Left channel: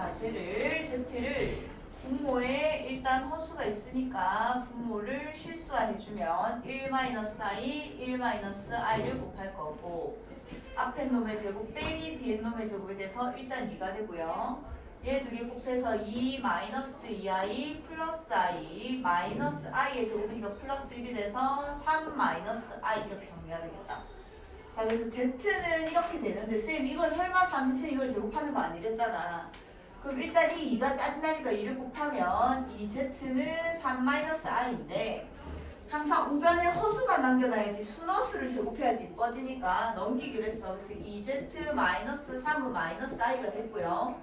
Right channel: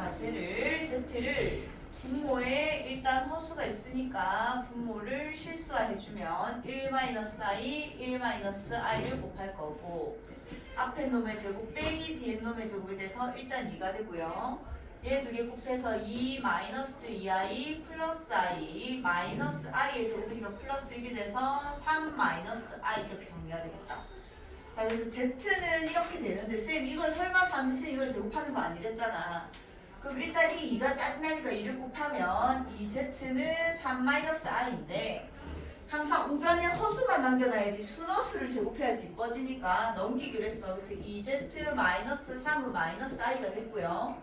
자, 쟤를 Z를 분모에 일단 허수가 있으니까 분모를 실수화해주면 1-i, 1-i를 곱할 거고 앞에 놈의 제곱 빼기 뒤에 놈의 제곱에 대해서 일단 2가 되고요. 얘 두 개 곱해서 2 마이너스 2i 플러스 i 마이너스 i의 제곱이니까 플러스 1이 돼서 3 마이너스 i 이렇게 정리가 되겠다. 자 그래서 z는 이렇게 되는데 쌤 이걸 설마 3시 이걸 제곱하는 거 아니랬잖아. 그럼 일단 이 2가 짜증나니까 2를 곱하면 이 z는 3 마이너스 i인데 항상 우변에 허수만 남겨놔야지 순허수를 제곱해야지 이뻐지니까 넘기기로 했어. 그래서 2z 마이너스 3은 마이너스 i가 됐고요.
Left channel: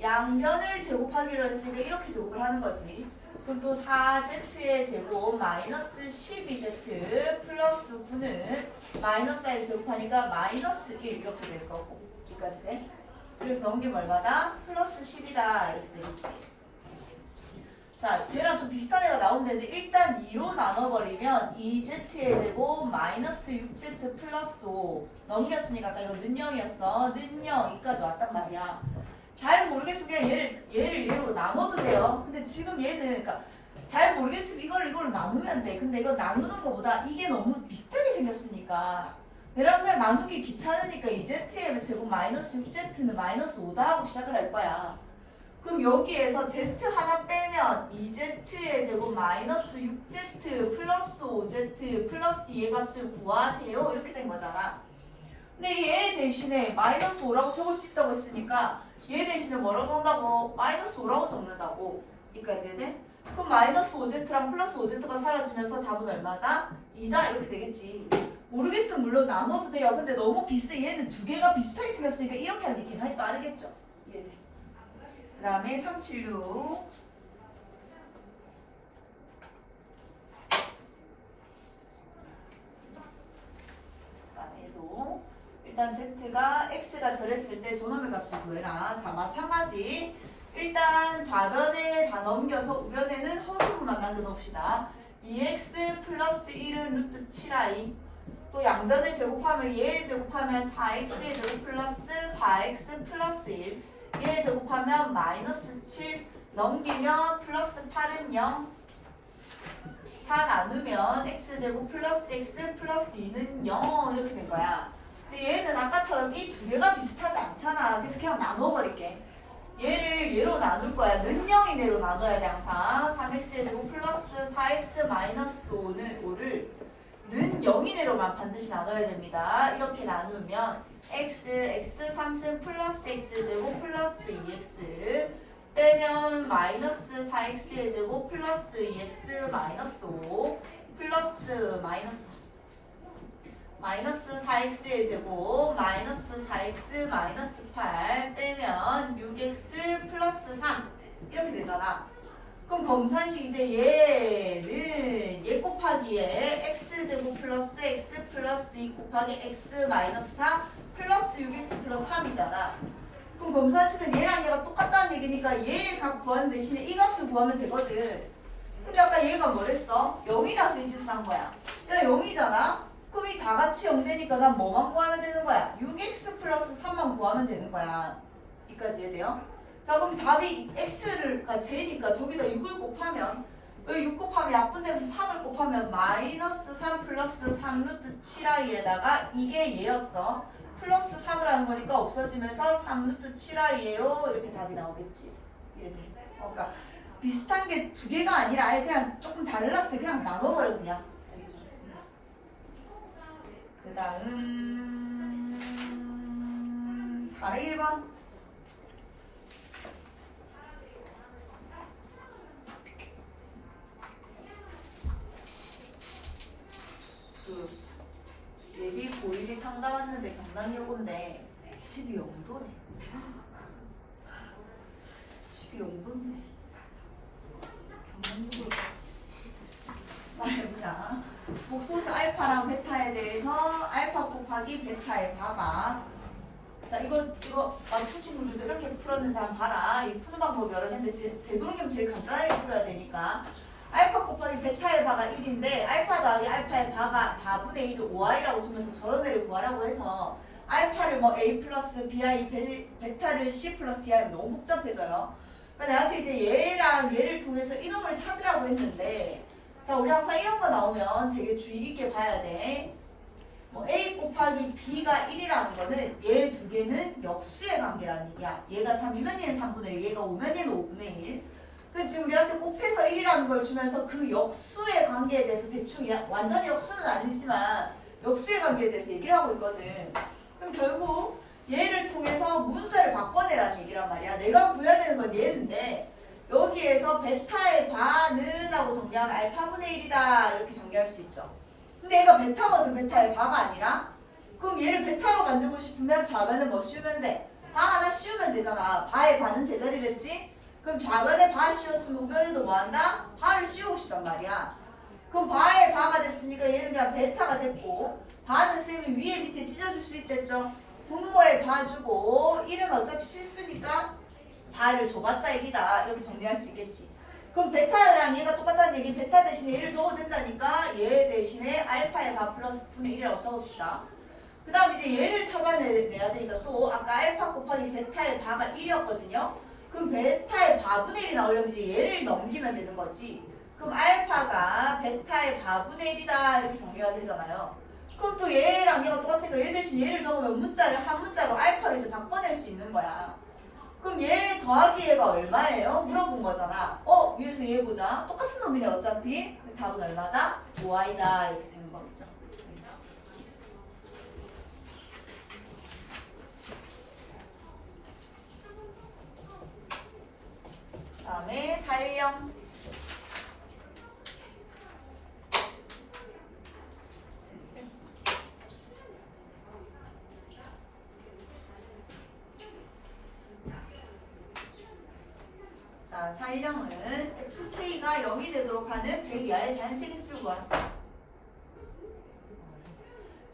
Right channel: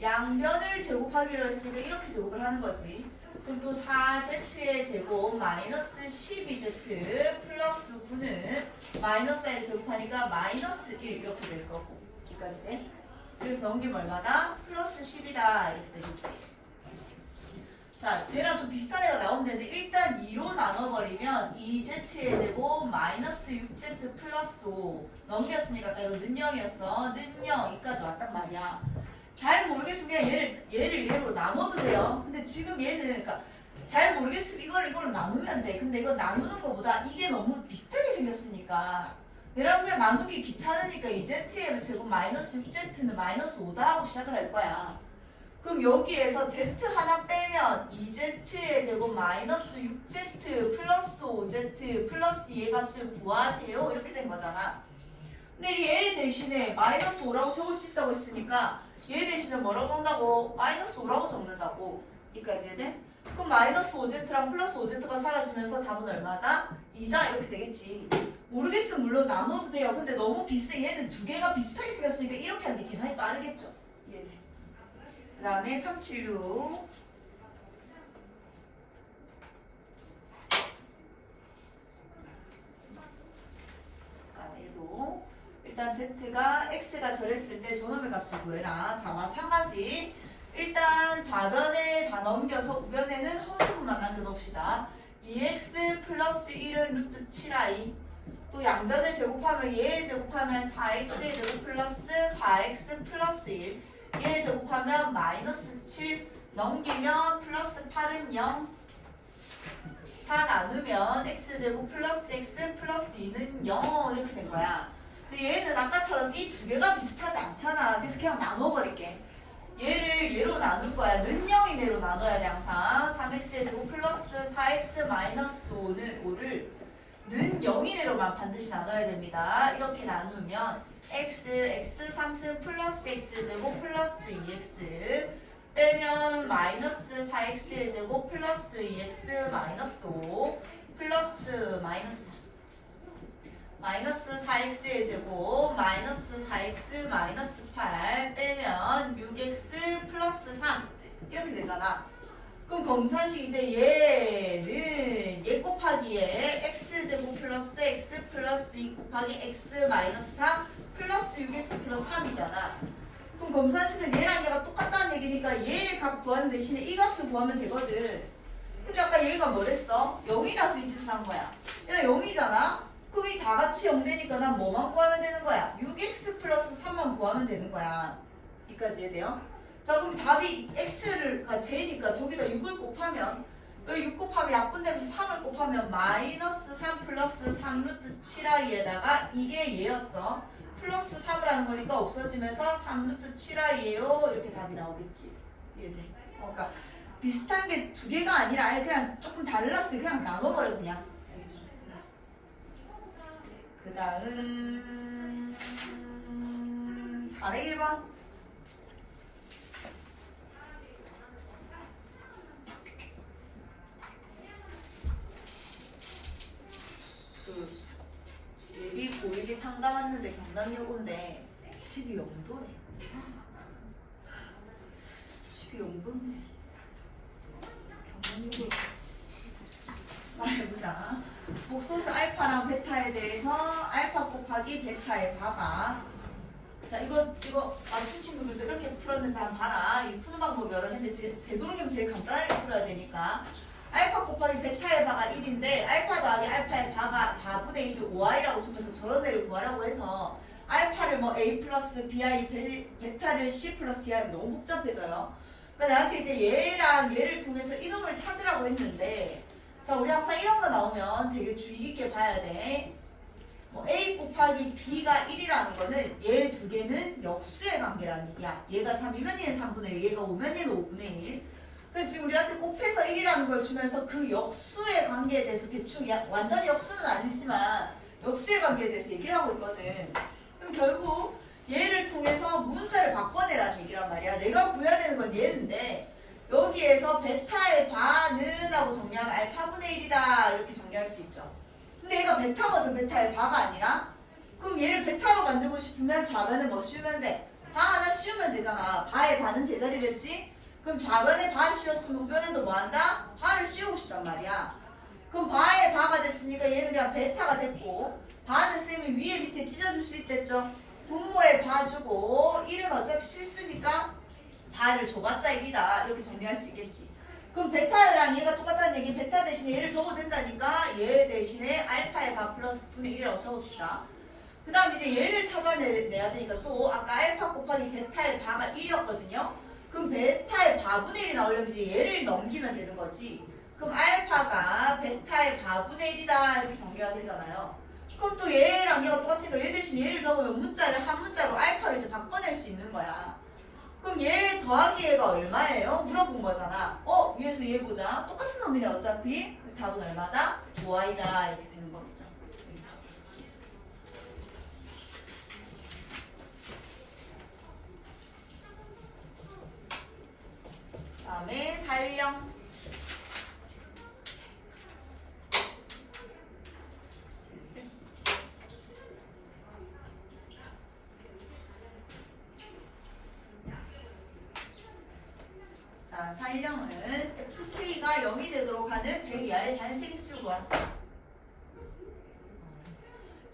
양변을 제곱하기로 했으니까 이렇게 제곱을 하는 거지. 그럼 또 4z의 제곱 마이너스 12z 플러스 9는 마이너스 i를 제곱하니까 마이너스 1 이렇게 될 거고 여기까지 돼. 그래서 넘기면 얼마다? 플러스 10이다 이렇게 되겠지. 자, 쟤랑 좀 비슷한 애가 나오면 되는데 일단 2로 나눠버리면 2z의 제곱 마이너스 6z 플러스 5 넘겼으니까 아까 이거 는 0이었어. 는 0, 이까지 왔단 말이야. 잘 모르겠으면 그냥 얘를 얘를 얘로 나눠도 돼요. 근데 지금 얘는 그러니까 잘 모르겠으면 이걸 이걸로 나누면 돼. 근데 이거 나누는 것보다 이게 너무 비슷하게 생겼으니까 얘랑 그냥 나누기 귀찮으니까 2z의 제곱 마이너스 6z는 마이너스 5다 하고 시작을 할 거야. 그럼 여기에서 z 하나 빼면 2z의 제곱 마이너스 6z 플러스 5z 플러스 얘 값을 구하세요 이렇게 된 거잖아. 근데 얘 대신에 마이너스 5라고 적을 수 있다고 했으니까 얘 대신에 뭐라고 한다고? 마이너스 5라고 적는다고. 이까지 네 그럼 마이너스 5z랑 플러스 5z가 사라지면서 답은 얼마다? 2다 이렇게 되겠지. 모르겠으면 물론 나눠도 돼요. 근데 너무 비슷해. 얘는 두 개가 비슷하게 생겼으니까 이렇게 하는 게 계산이 빠르겠죠. 얘는. 그 다음에 376자 얘도 일단 z가 x가 저랬을 때 저놈의 값을 구해라 자 마찬가지 일단 좌변을 다 넘겨서 우변에는 허수분만 남겨놓읍시다 2x 플러스 1은 루트 7i 또 양변을 제곱하면 얘 제곱하면 4x의 제곱 플러스 4x 플러스 1 얘 제곱하면 마이너스 7 넘기면 플러스 8은 0 4 나누면 x제곱 플러스 x 플러스 2는 0 이렇게 된 거야. 근데 얘는 아까처럼 이 두 개가 비슷하지 않잖아. 그래서 그냥 나눠버릴게. 얘를 얘로 나눌 거야. 는 0이 내로 나눠야 돼 항상. 3x의 제곱 플러스 4x 마이너스 5는 5를 는 0이 내로만 반드시 나눠야 됩니다. 이렇게 나누면 x, x 3승 플러스 x 제곱 플러스 2x 빼면 마이너스 4x의 제곱 플러스 2x 마이너스 5 플러스 마이너스 마이너스 4x의 제곱 마이너스 4x 마이너스 8 빼면 6x 플러스 3 이렇게 되잖아. 그럼 검산식 이제 얘는 얘 곱하기에 x제곱 플러스 x 플러스 2 곱하기 x 마이너스 4 플러스 6x 플러스 3이잖아 그럼 검산식은 얘랑 얘가 똑같다는 얘기니까 얘값 구하는 대신에 이 값을 구하면 되거든 근데 아까 얘가 뭐랬어? 0이라서 이 짓을 한 거야 얘가 0이잖아 그럼 이 다 같이 0 되니까 난 뭐만 구하면 되는 거야? 6x 플러스 3만 구하면 되는 거야 여기까지 해야 돼요? 자 그럼 답이 x를 가 제니까 저기다 6을 곱하면 6 곱하면 약분되면서 3을 곱하면 마이너스 3 플러스 3 루트 7i에다가 이게 얘였어. 플러스 3을 하는 거니까 없어지면서 3 루트 7i에요. 이렇게 답이 나오겠지? 얘들 어, 그러니까 비슷한 게 두 개가 아니라 아예 그냥 조금 달랐을 때 그냥 나눠버려 그냥. 알겠죠? 그 다음 401번 예비 고1이 상담 왔는데 온데 집이 영도래 집이 영도인데 경남역을 자 해보자. 복소수 알파랑 베타에 대해서 알파 곱하기 베타의 바가 자 이거 이거 맞춘 친구들도 이렇게 풀었는지 한번 봐라. 이 푸는 방법이 여러 개인데 지금 되도록이면 제일 간단하게 풀어야 되니까 알파 곱하기 베타의 바가 1인데 알파 더하기 알파의 바가 바분의 1이 5i라고 주면서 저런 애를 구하라고 해서 알파를 뭐 A 플러스 BI 베, 베타를 C 플러스 D 하면 너무 복잡해져요. 그러니까 나한테 이제 얘랑 얘를 통해서 이놈을 찾으라고 했는데 자 우리 항상 이런 거 나오면 되게 주의 깊게 봐야 돼. 뭐 A 곱하기 B가 1이라는 거는 얘 두 개는 역수의 관계라는 얘기야. 얘가 3이면 얘는 3분의 1, 얘가 5면 얘는 5분의 1. 그래서 지금 우리한테 곱해서 1이라는 걸 주면서 그 역수의 관계에 대해서 대충 야, 완전히 역수는 아니지만 역수의 관계에 대해서 얘기를 하고 있거든. 그럼 결국 얘를 통해서 문자를 바꿔내라는 얘기란 말이야. 내가 구해야 되는 건 얘인데 여기에서 베타의 바는 하고 정리하면 알파분의 1이다 이렇게 정리할 수 있죠. 근데 얘가 베타거든 베타의 바가 아니라 그럼 얘를 베타로 만들고 싶으면 좌변에 뭐 씌우면 돼? 바 하나 씌우면 되잖아. 바의 바는 제자리겠지? 그럼 좌변에 바 씌웠으면 우변에도 뭐 한다? 바를 씌우고 싶단 말이야. 그럼 바의 바가 됐으니까 얘는 그냥 베타가 됐고 바는 쌤이 위에 밑에 찢어줄 수 있겠죠? 분모에 바 주고 1은 어차피 실수니까 바를 줘봤자 1이다 이렇게 정리할 수 있겠지. 그럼 베타랑 얘가 똑같다는 얘기 베타 대신에 얘를 적어도 된다니까 얘 대신에 알파의 바 플러스 분의 1이라고 적읍시다. 그 다음 이제 얘를 찾아내야 되니까 또 아까 알파 곱하기 베타의 바가 1이었거든요. 그럼 베타의 바분의 1이 나오려면 이제 얘를 넘기면 되는 거지. 그럼 알파가 베타의 바분의 1이다 이렇게 정리가 되잖아요. 그럼 또 얘랑 얘가 똑같으니까 얘 대신 얘를 적으면 문자를 한 문자로 알파를 이제 바꿔낼 수 있는 거야. 그럼 얘 더하기 얘가 얼마예요? 물어본 거잖아. 어, 위에서 얘 보자. 똑같은 놈이네 어차피. 그래서 답은 얼마다? 5i다 이렇게 되는 거겠죠. 살령. 자, 살령은 FK가 0이 되도록 하는 100 이하의 자연색의 수를 구한다.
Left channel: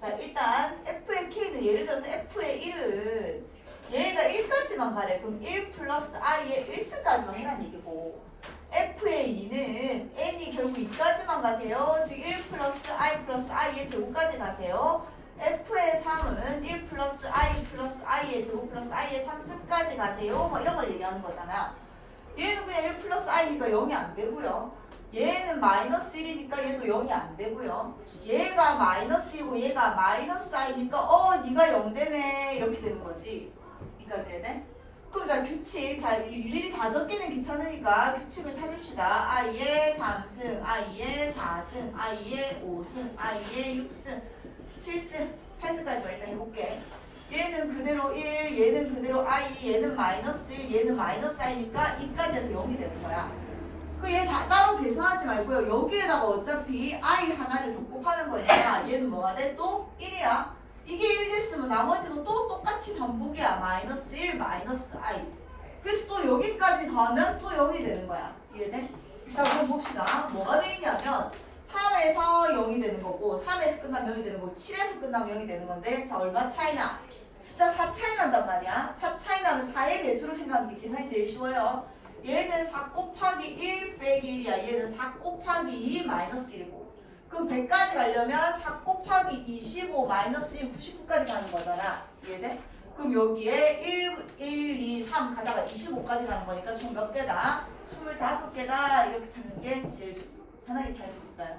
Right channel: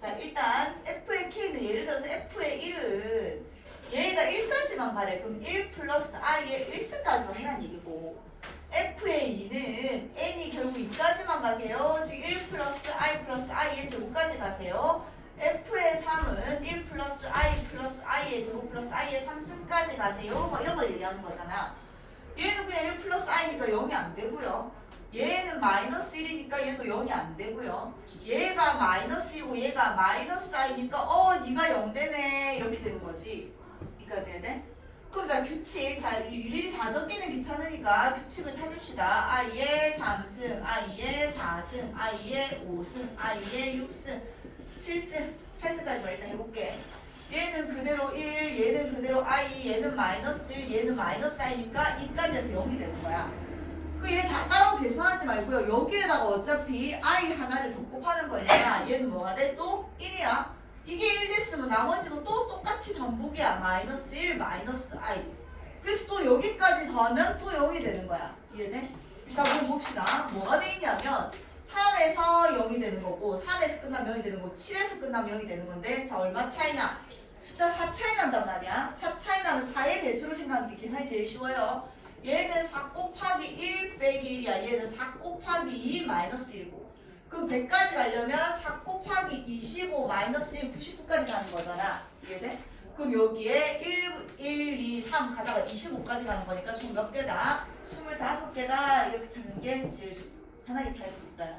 자, 일단 F의 K는 예를 들어서 F의 1은 얘가 1까지만 가래. 그럼 1 플러스 I의 1승까지만 해란 얘기고 F의 2는 N이 결국 2까지만 가세요. 즉 1 플러스 I의 제곱까지 가세요. F의 3은 1 플러스 I 플러스 I의 제곱 플러스 I의 3승까지 가세요. 뭐 이런 걸 얘기하는 거잖아. 얘는 그냥 1 플러스 i니까 0이 안 되고요. 얘는 마이너스 1이니까 얘도 0이 안 되고요. 얘가 마이너스 1이고 얘가 마이너스 i니까 어 네가 0 되네 이렇게 되는 거지. 여기까지 해야 돼? 그럼 자 규칙 자 일일이 다 적기는 귀찮으니까 규칙을 찾읍시다. i의 3승, i의 4승, i의 5승, i의 6승, 7승, 8승까지 일단 해볼게. 얘는 그대로 1, 얘는 그대로 i, 얘는 마이너스 1, 얘는 마이너스 i니까 2까지 해서 0이 되는 거야. 그 얘 다 따로 계산하지 말고요. 여기에다가 어차피 i 하나를 더 곱하는 거니까 얘는 뭐가 돼? 또 1이야. 이게 1 됐으면 나머지는 또 똑같이 반복이야. 마이너스 1, 마이너스 i. 그래서 또 여기까지 더하면 또 0이 되는 거야. 이해돼? 자, 그럼 봅시다. 뭐가 돼 있냐면 3에서 0이 되는 거고 3에서 끝나면 0이 되는 거고 7에서 끝나면 0이 되는 건데 자 얼마 차이나? 숫자 4 차이 난단 말이야. 4 차이 나면 4의 배수로 생각하는 게 계산이 제일 쉬워요. 얘는 4 곱하기 1 빼기 1이야. 얘는 4 곱하기 2 마이너스 1이고. 그럼 100까지 가려면 4 곱하기 25 마이너스 1 99까지 가는 거잖아. 이해돼? 그럼 여기에 1, 1, 2, 3 가다가 25까지 가는 거니까 총 몇 개다? 25개다. 이렇게 찾는 게 제일 좋- 편하게 찾을 수 있어요.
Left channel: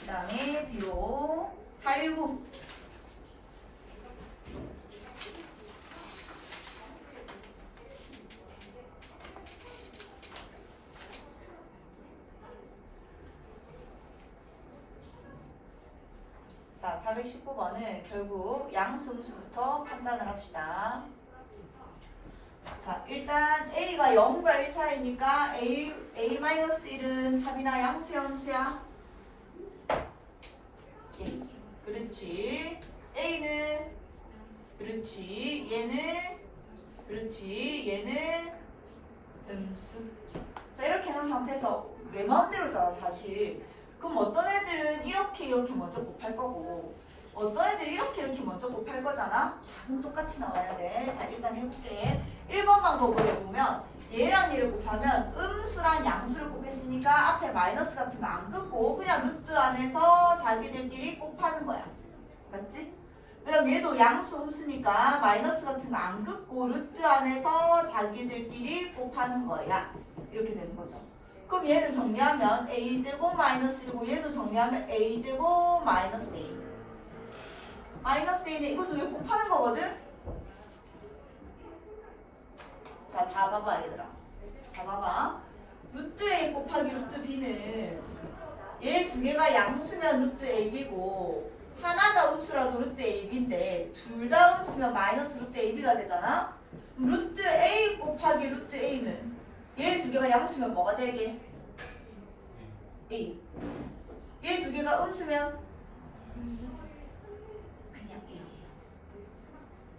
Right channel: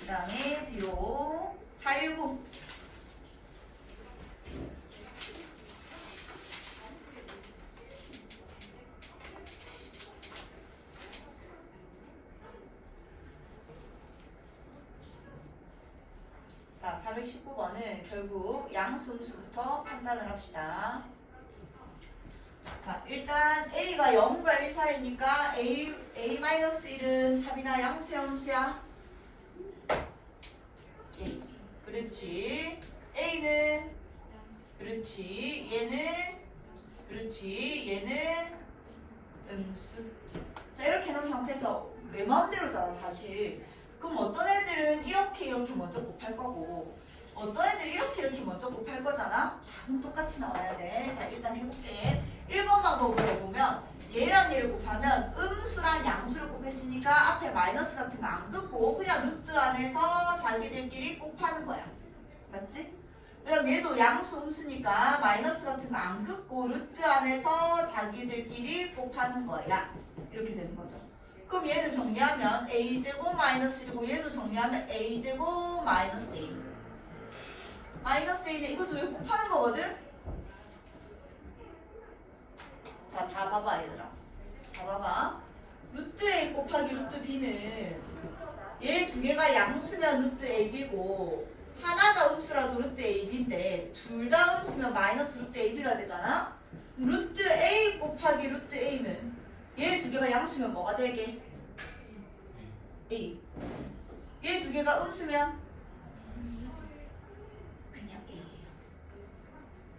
그 다음에 뒤로 419 자, 419번은 결국 양수음수부터 판단을 합시다. 자, 일단 A가 0과 1 사이니까 A, A-1은 합이나 양수야, 음수야? 예, 그렇지. A는 그렇지. 얘는 그렇지. 얘는 음수. 자, 이렇게 해놓은 상태에서 내 마음대로잖아, 사실. 그럼 어떤 애들은 이렇게 이렇게 먼저 곱할 거고 어떤 애들은 이렇게 이렇게 먼저 곱할 거잖아? 답은 똑같이 나와야 돼. 자, 일단 해볼게. 1번 방법을 해보면 얘랑 얘를 곱하면 음수랑 양수를 곱했으니까 앞에 마이너스 같은 거 안 긋고 그냥 루트 안에서 자기들끼리 곱하는 거야. 맞지? 그다음 얘도 양수 음수니까 마이너스 같은 거 안 긋고 루트 안에서 자기들끼리 곱하는 거야. 이렇게 되는 거죠. 그럼 얘는 정리하면 a제곱 마이너스 1이고 얘도 정리하면 a제곱 마이너스 a. 마이너스 a는 이것도 왜 곱하는 거거든? 자, 다 봐봐 얘들아. 다 봐봐. 루트 a 곱하기 루트 b는 얘 두 개가 양수면 루트 ab고 하나가 음수라도 루트 ab인데 둘 다 음수면 마이너스 루트 ab가 되잖아. 루트 a 곱하기 루트 a는 얘 두 개가 양수면 뭐가 되게? a. 얘 두 개가 음수면 그냥 a예요.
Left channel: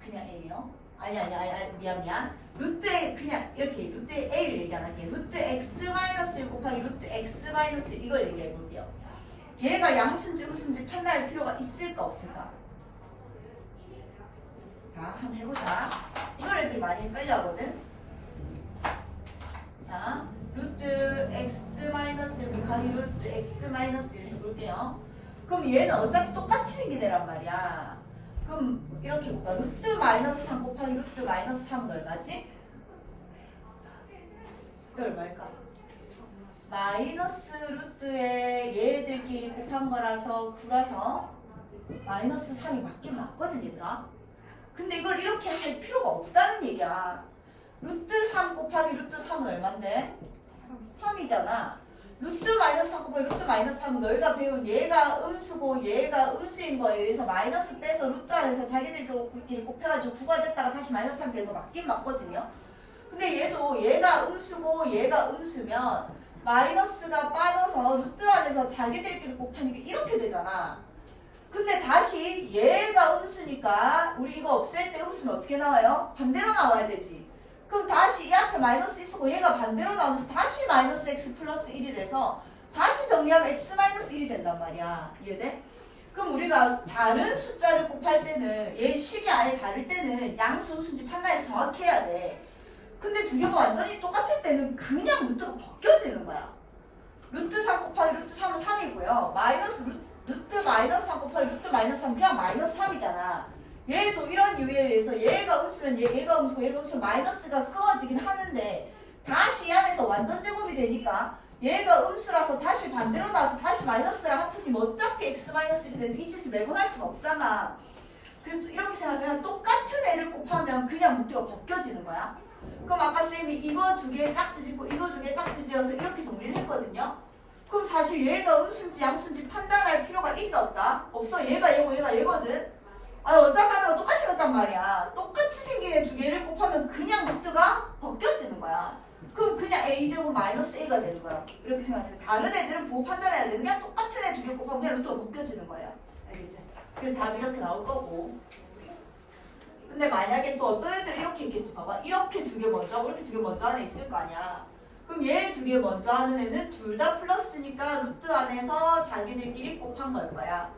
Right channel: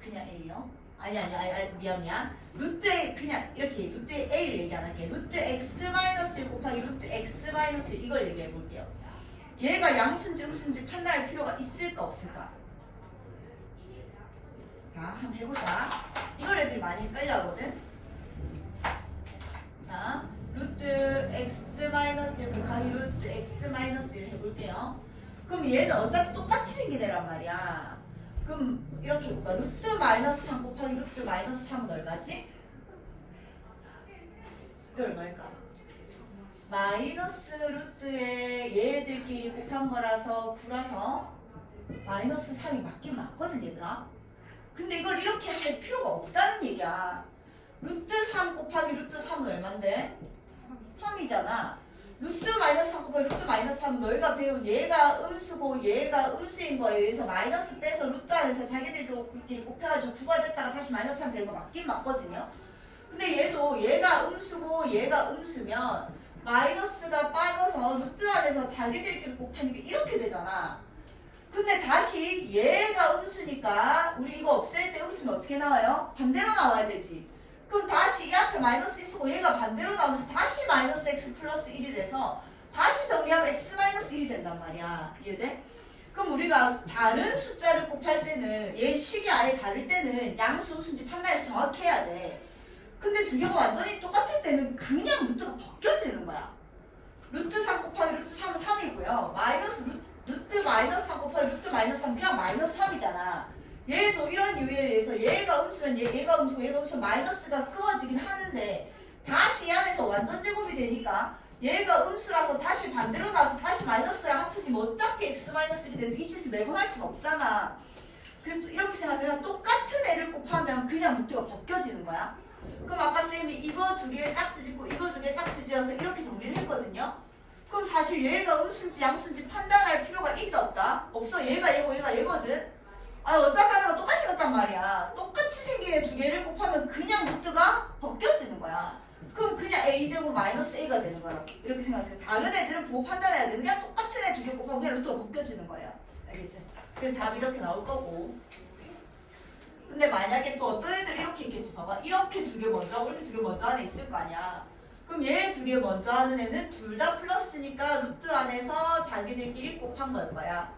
그냥 a요? 아니 아니 아니, 아니 미안 미안. 루트 a 그냥 이렇게 루트 a를 얘기 안 할게. 루트 x 마이너스 1 곱하기 루트 x 마이너스 1 이걸 얘기해 볼게요. 얘가 양수인지 음수인지 판단할 필요가 있을까 없을까? 자, 한번 해보자. 이걸 애들이 많이 헷갈려 하거든. 자, 루트 x 마이너스 1 곱하기 루트 x 마이너스 1 해볼게요. 그럼 얘는 어차피 똑같이 생긴 애란 말이야. 그럼 이렇게 볼까? 루트 마이너스 3 곱하기 루트 마이너스 3은 얼마지? 이게 얼마일까? 마이너스 루트에 얘들끼리 곱한 거라서 9라서 마이너스 3이 맞긴 맞거든 얘들아 근데 이걸 이렇게 할 필요가 없다는 얘기야 루트 3 곱하기 루트 3은 얼만데? 3이잖아 루트 마이너스 3 곱하기 루트 마이너스 3은 너희가 배운 얘가 음수고 얘가 음수인 거에 의해서 마이너스 빼서 루트 안에서 자기들끼리 곱해가지고 9가 됐다가 다시 마이너스 3 되는 거 맞긴 맞거든요 근데 얘도 얘가 음수고 얘가 음수면 마이너스가 빠져서 루트 안에서 자기들끼리 곱하니까 이렇게 되잖아. 근데 다시 얘가 음수니까 우리 이거 없앨 때 음수는 어떻게 나와요? 반대로 나와야 되지. 그럼 다시 이 앞에 마이너스 있고 얘가 반대로 나오면서 다시 마이너스 x 플러스 1이 돼서 다시 정리하면 x 마이너스 1이 된단 말이야. 이해돼? 그럼 우리가 다른 숫자를 곱할 때는 얘 식이 아예 다를 때는 양수 음수인지 판단해서 정확히 해야 돼. 근데 두 개가 완전히 똑같을 때는 그냥 루트가 벗겨지는 거야. 루트 3 곱하기 루트 3은 3이고요. 마이너스 루, 루트 마이너스 3 곱하기 루트 마이너스 3 그냥 마이너스 3이잖아. 얘도 이런 이유에 의해서 얘가 음수면 얘, 얘가 음수고 얘가 음수면 마이너스가 그어지긴 하는데 다시 이 안에서 완전 제곱이 되니까 얘가 음수라서 다시 반대로 나와서 다시 마이너스랑 합쳐지면 어차피 x 마이너스 1이 되는데 이 짓을 매번 할 수가 없잖아. 그래서 또 이렇게 생각하세요. 똑같은 애를 곱하면 그냥 루트가 벗겨지는 거야. 그럼 아까 쌤이 이거 두 개 짝지 짓고 이거 두 개 짝지 지어서 이렇게 정리를 했거든요. 그럼 사실 얘가 음수인지 양수인지 판단할 필요가 있다 없다? 없어. 얘가 얘고 얘가 얘거든. 아 어차피 하나가 똑같이 생겼단 말이야. 똑같이 생긴 애 두 개를 곱하면 그냥 루트가 벗겨지는 거야. 그럼 그냥 a제곱 마이너스 a가 되는 거야. 이렇게 생각하세요. 다른 애들은 부호 판단해야 되는 게 똑같은 애 두 개 곱하면 그냥 루트가 벗겨지는 거야. 알겠지? 그래서 답이 이렇게 나올 거고. 근데 만약에 또 어떤 애들이 이렇게 있겠지 봐봐 이렇게 두 개 먼저 하고 이렇게 두 개 먼저 하는 애 있을 거 아니야 그럼 얘 두 개 먼저 하는 애는 둘 다 플러스니까 루트 안에서 자기들끼리 곱한 걸 거야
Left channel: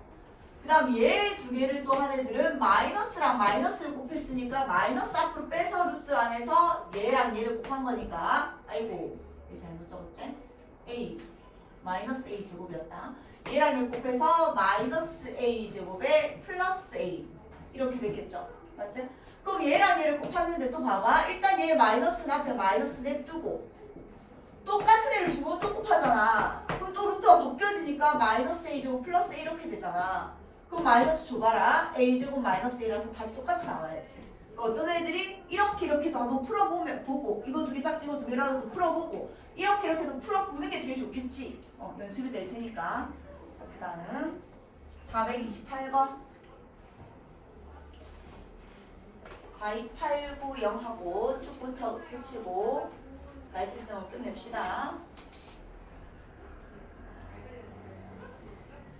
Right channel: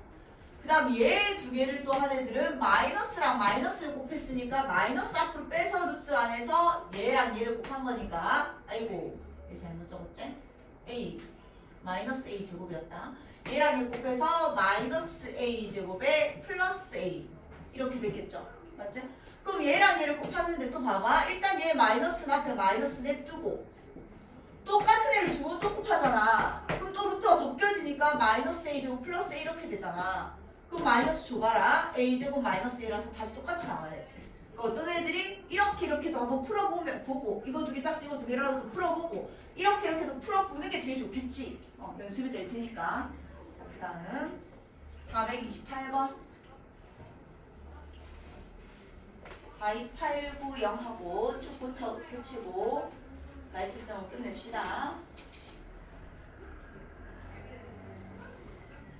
그 다음 얘 두 개를 또 한 애들은 마이너스랑 마이너스를 곱했으니까 마이너스 앞으로 빼서 루트 안에서 얘랑 얘를 곱한 거니까 아이고 얘 잘못 적었지? a 마이너스 a 제곱이었다 얘랑 얘 곱해서 마이너스 a 제곱에 플러스 a 이렇게 되겠죠 맞지? 그럼 얘랑 얘를 곱하는데 또 봐봐. 일단 얘 마이너스 앞에 마이너스 냅두고 똑같은 애를 두 번 또 곱하잖아. 그럼 또 루트가 벗겨지니까 마이너스 a제곱 플러스 a 이렇게 되잖아. 그럼 마이너스 줘봐라. a제곱 마이너스 a라서 답이 똑같이 나와야지. 어떤 애들이 이렇게 이렇게도 한번 풀어보면 보고 이거 두 개 짝지 이거 두 개라도 풀어보고 이렇게 이렇게도 풀어보는 게 제일 좋겠지. 어, 연습이 될 테니까. 자, 그 다음 428번. 42890하고 쭉 붙여, 붙이고 라이트성을 끝냅시다.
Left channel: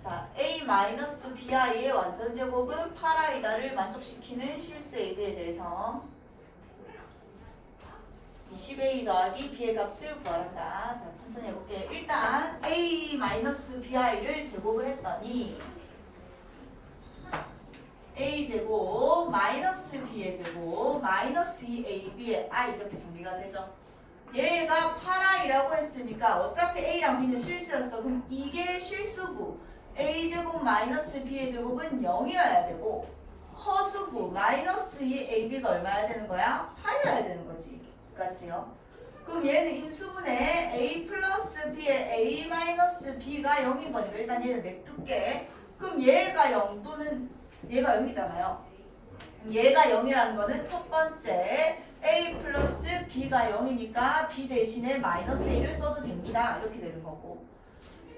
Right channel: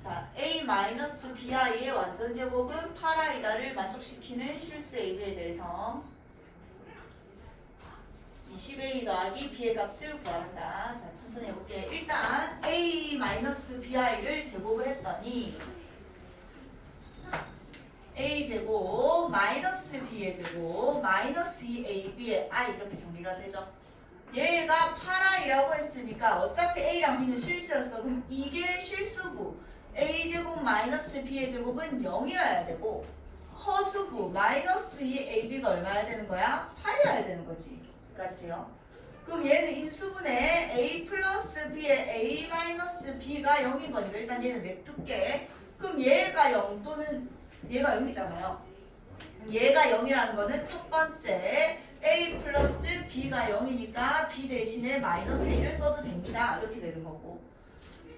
자, A-BI의 완전 제곱은 8i다를 만족시키는 실수 AB에 대해서 20A 더하기 B의 값을 구하란다. 자, 천천히 해볼게. 일단 A-BI를 제곱을 했더니 a 제곱 마이너스 b의 제곱 마이너스 2ab의 i 이렇게 정리가 되죠. 얘가 8i라고 했으니까 어차피 a랑 b는 실수였어. 그럼 이게 실수고 a 제곱 마이너스 b의 제곱은 0이어야 되고 허수부 마이너스 2 AB가 얼마야 되는 거야? 8이어야 되는 거지. 여기까지 돼요. 그럼 얘는 인수분해 A 플러스 B의 A 마이너스 B가 0인 거니까 일단 얘는 냅둘게. 그럼 얘가 0 또는 얘가 0이잖아요. 얘가 0이라는 거는 첫 번째 A 플러스 B가 0이니까 B 대신에 마이너스 1을 써도 됩니다. 이렇게 되는 거고.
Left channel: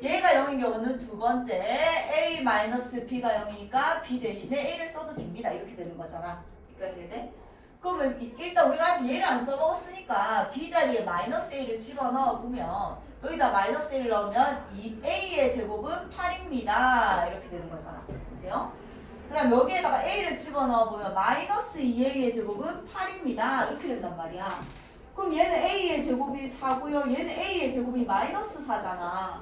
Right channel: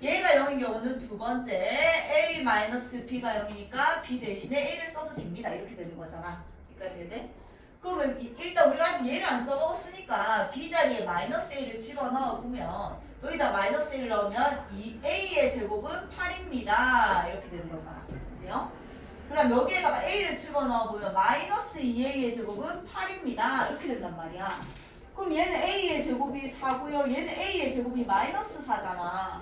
얘가 0인 경우는 두 번째 A 마이너스 B가 0이니까 B 대신에 A를 써도 됩니다. 이렇게 되는 거잖아. 여기까지 돼? 그러면 이- 일단 우리가 아직 얘를 안 써먹었으니까 B 자리에 마이너스 A를 집어넣어 보면 여기다 마이너스 1을 넣으면 이 A의 제곱은 8입니다. 이렇게 되는 거잖아. 돼요? 그 다음 여기에다가 A를 집어넣어 보면 마이너스 2A의 제곱은 8입니다. 이렇게 된단 말이야. 그럼 얘는 A의 제곱이 4고요. 얘는 A의 제곱이 마이너스 4잖아.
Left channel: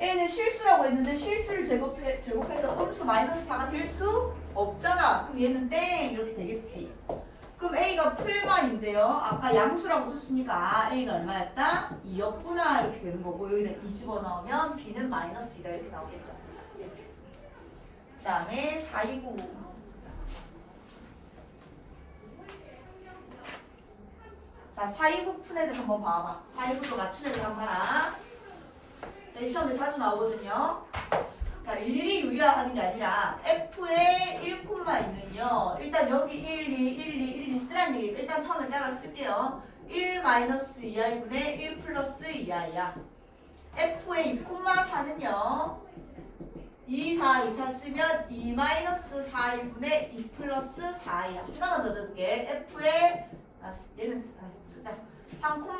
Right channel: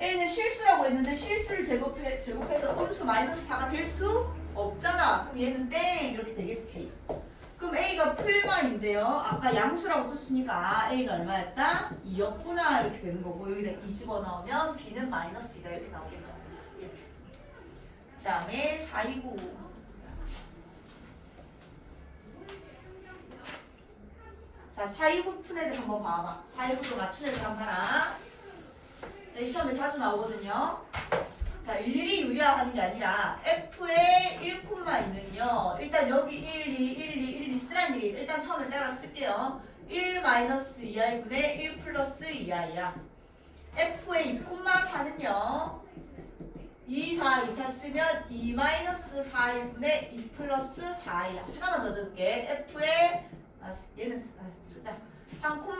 A는 실수라고 했는데 실수를 제곱해, 제곱해서 음수 마이너스 4가 될 수 없잖아. 그럼 얘는 땡 이렇게 되겠지. 그럼 A가 풀만인데요. 아까 양수라고 줬으니까 A가 얼마였다? 2였구나 이렇게 되는 거고 여기다 2 집어넣으면 B는 마이너스 2다 이렇게 나오겠죠. 그 다음에 429 자, 429 푼 애들 한번 봐봐. 429도 맞춘 애들 한번 봐라. 네, 시험에 자주 나오거든요. 자, 일일이 유리화하는 게 아니라 F에 1콤마이는요. 일단 여기 1, 2, 1, 2, 1, 2 쓰라는 얘기 일단 처음에 따라 쓸게요. 1 마이너스 2i분의 1 플러스 2i야. F의 2콤마4는요. 2, 4, 2, 4 쓰면 2 마이너스 4이분의 2 플러스 4이야. 하나만 더 적을게. F의 아, 얘는 쓰, 아, 쓰자. 3,6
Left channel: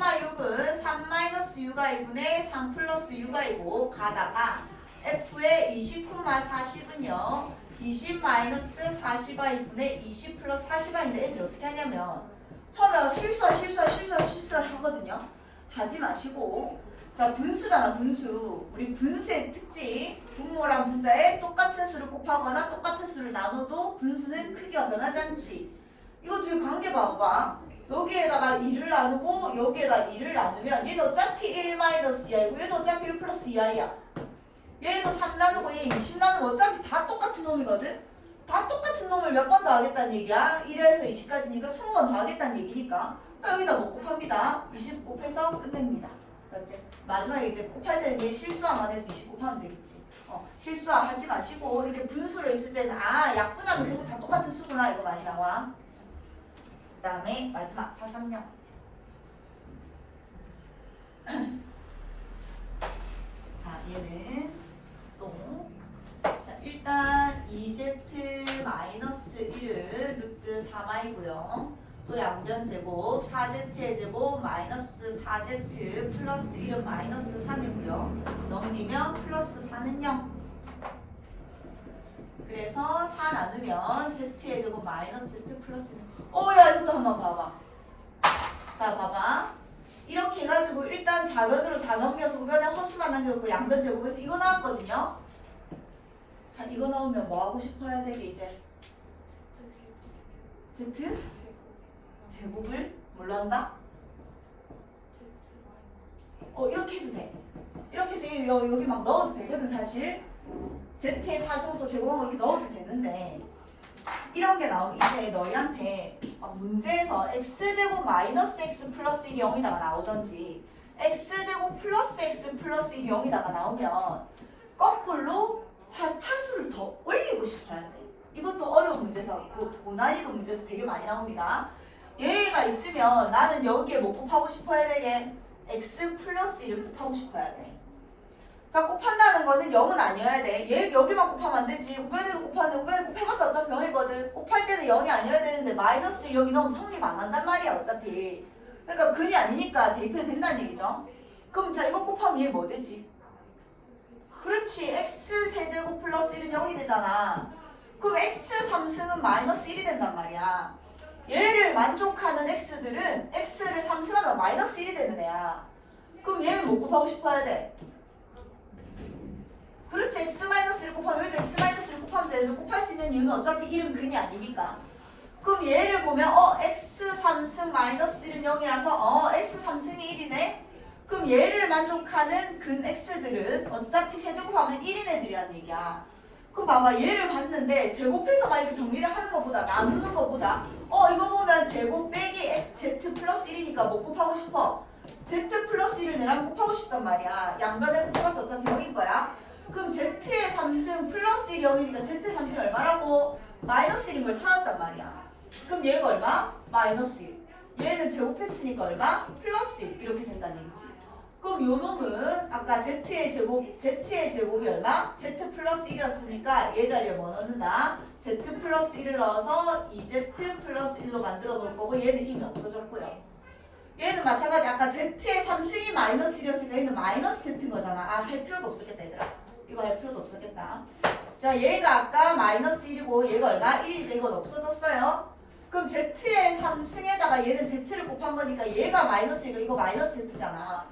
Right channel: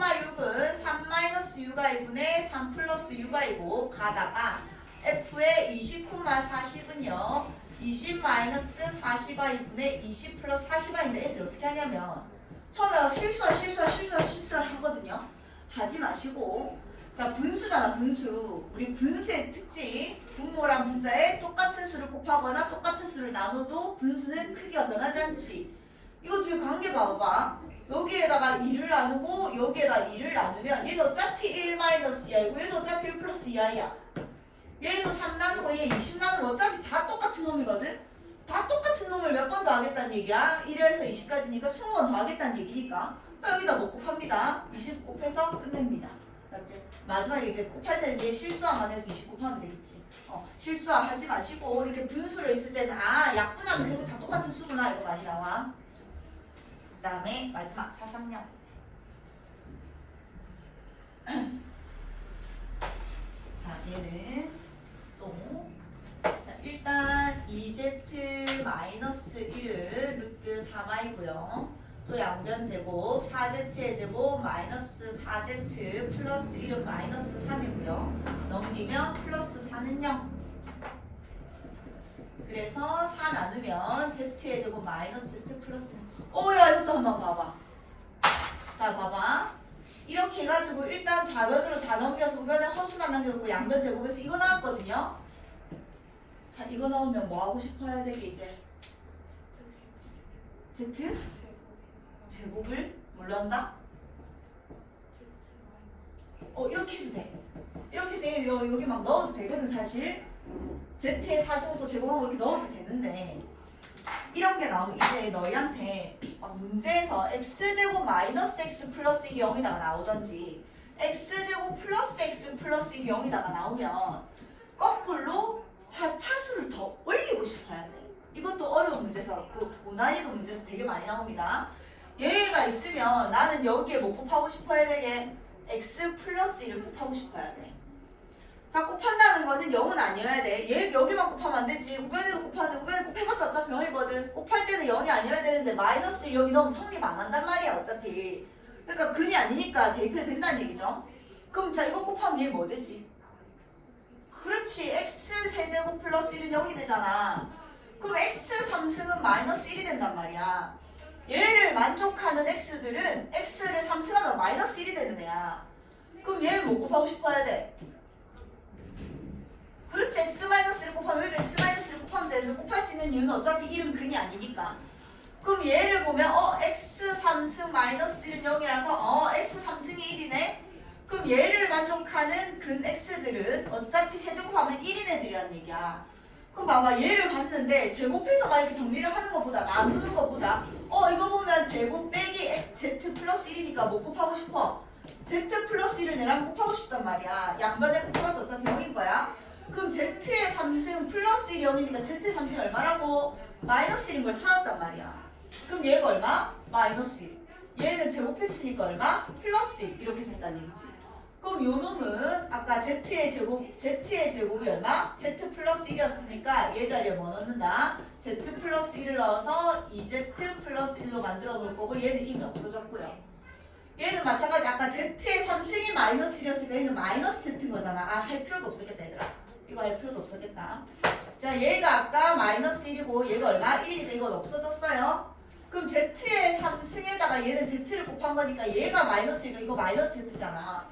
6y분의 3 플러스 6y고 가다가 f의 29마 40은요 20 마이너스 40y분의 20 플러스 40y인데 애들 어떻게 하냐면 처음에 실수 실수 실수 실수를 하거든요. 하지 마시고 자 분수잖아 분수. 우리 분수의 특징 분모랑 분자에 똑같은 수를 곱하거나 똑같은 수를 나눠도 분수는 크기가 변하지 않지. 이거 뒤에 관계 봐봐. 여기에다가 2를 나누고 여기에다 2를 나누면 얘는 어차피 1 마이너스 2이고 얘도 어차피 1 플러스 2i야. 얘도 3 나누고 얘 20 나누고 어차피 다 똑같은 놈이거든? 다 똑같은 놈을 몇 번 더 하겠다는 얘기야? 1에서 20까지니까 20번 더 하겠다는 얘기니까. 여기다 뭐 곱합니다. 20 곱해서 끝냅니다. 맞지? 마지막에 이제 곱할 때는 얘 실수화만 해서 20 곱하면 되겠지. 어, 실수화 하지 마시고 이렇게 분수로 있을 때는 아 약분하면 결국 다 똑같은 수구나. 이거 많이 나와. 그 다음에 마지막 사상령. 자 얘는 또. 자 일단 2z 마이너스 1은 루트 3i고요. 또 양변 제곱 4z의 제곱 마이너스 4z 플러스 1은 마이너스 3이고요. 넘기면 플러스 4는 0. 그래서 4 나누면 z의 제곱 마이너스 z 플러스 1. 어야 이것도 한번 봐봐. 자 봐봐. 이렇게 해가지고 일단 좌변으로 다 넘겨서 우변에 허수만 남겨놓고 양변 제곱해서 이거 나왔거든요. 자 이거 나오면 뭐 하고 싶어야 되게 이제 z 제곱을 한다? 어 이렇게 해도 돼. 이렇게 해서 여- 여기 막 넣어도 되거든 사실. Z의 4제곱도 제곱하고 이렇게 넣어도 되는데 이런 게 나오면 이제 너희한테 막 문제에서 x제곱 마이너스 x 플러스 1이 0이다가 나오던지 x제곱 플러스 x 플러스 1이 0이다가 나오면 거꾸로 4차수를 더 올리고 싶어야 돼. 이것도 어려운 문제에서 고, 고난이도 문제에서 되게 많이 나옵니다. 얘가 있으면 나는 여기에 뭐 곱하고 싶어야 되게 x 플러스 1을 곱하고 싶어야 돼. 자 곱한다는 거는 0은 아니어야 돼. 얘 여기만 곱하면 안 되지. 우변에도 곱하는데 우변에 곱해봤자 어차피 0이거든. 곱할 때는 0이 아니어야 되는데 마이너스 1 여기 넣으면 성립 안 한단 말이야 어차피. 그러니까 근이 아니니까 대입해 된다는 얘기죠. 그럼 자 이거 곱하면 얘 뭐 되지? 그렇지. x 세제곱 플러스 1은 0이 되잖아. 그럼 x 3승은 마이너스 1이 된단 말이야. 얘를 만족하는 x들은 x를 3승하면 마이너스 1이 되는 애야. 그럼 얘를 뭐 곱하고 싶어야 돼? 그렇지. X 마이너스 1 곱하면 여기도 x 마이너스 1 곱하면 되는데 곱할 수 있는 이유는 어차피 1은 근이 아니니까. 그럼 얘를 보면 어 x 3승 마이너스 1은 0이라서 어 x 3승이 1이네? 그럼 얘를 만족하는 근 x들은 어차피 세제곱하면 1인 애들이란 얘기야. 그럼 봐봐. 얘를 봤는데 제곱해서 막 이렇게 정리를 하는 것보다 나누는 것보다 어 이거 보면 제곱 빼기 Z 플러스 1이니까 뭐 곱하고 싶어? Z 플러스 1을 내랑 곱하고 싶단 말이야. 양변에 곱하면 어차피 0인 거야 그럼 Z의 3승 플러스 1이 0이니까 Z의 3승 얼마라고? 마이너스 1인 걸 찾았단 말이야 그럼 얘가 얼마? 마이너스 1 얘는 제곱했으니까 얼마? 플러스 1 이렇게 된다는 얘기지 그럼 요 놈은 아까 z의 제곱 z의 제곱이 얼마? z 플러스 1이었으니까 얘 자리에 뭐 넣는다? z 플러스 1을 넣어서 2z 플러스 1로 만들어 놓을 거고 얘는 이미 없어졌고요. 얘는 마찬가지 아까 z의 3승이 마이너스 1이었으니까 얘는 마이너스 z인 거잖아. 아 할 필요도 없었겠다 얘들아. 이거 할 필요도 없었겠다. 자 얘가 아까 마이너스 1이고 얘가 얼마? 1이니까 이건 없어졌어요. 그럼 z의 3승에다가 얘는 z를 곱한 거니까 얘가 마이너스니까 이거 마이너스 z잖아.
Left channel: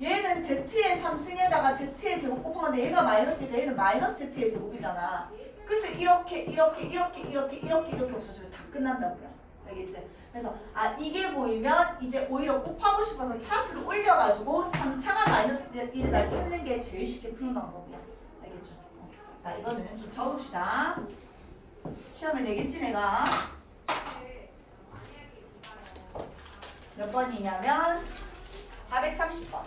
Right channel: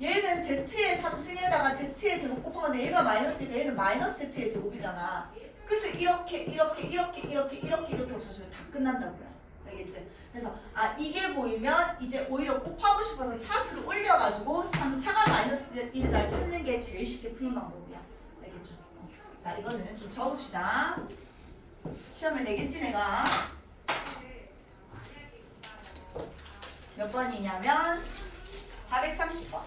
얘는 z의 3승에다가 z의 제곱 곱한 건데 얘가 마이너스니까 얘는 마이너스 z의 제곱이잖아. 그래서 이렇게 이렇게 이렇게 이렇게 이렇게 이렇게 없어지면 다 끝난다고요. 알겠지? 그래서 아 이게 보이면 이제 오히려 곱하고 싶어서 차수를 올려가지고 3차가 마이너스 1을 날 찾는 게 제일 쉽게 푸는 방법이야. 알겠죠? 어. 자 이거는 좀 적읍시다. 시험에 내겠지 내가. 몇 번이냐면 430번.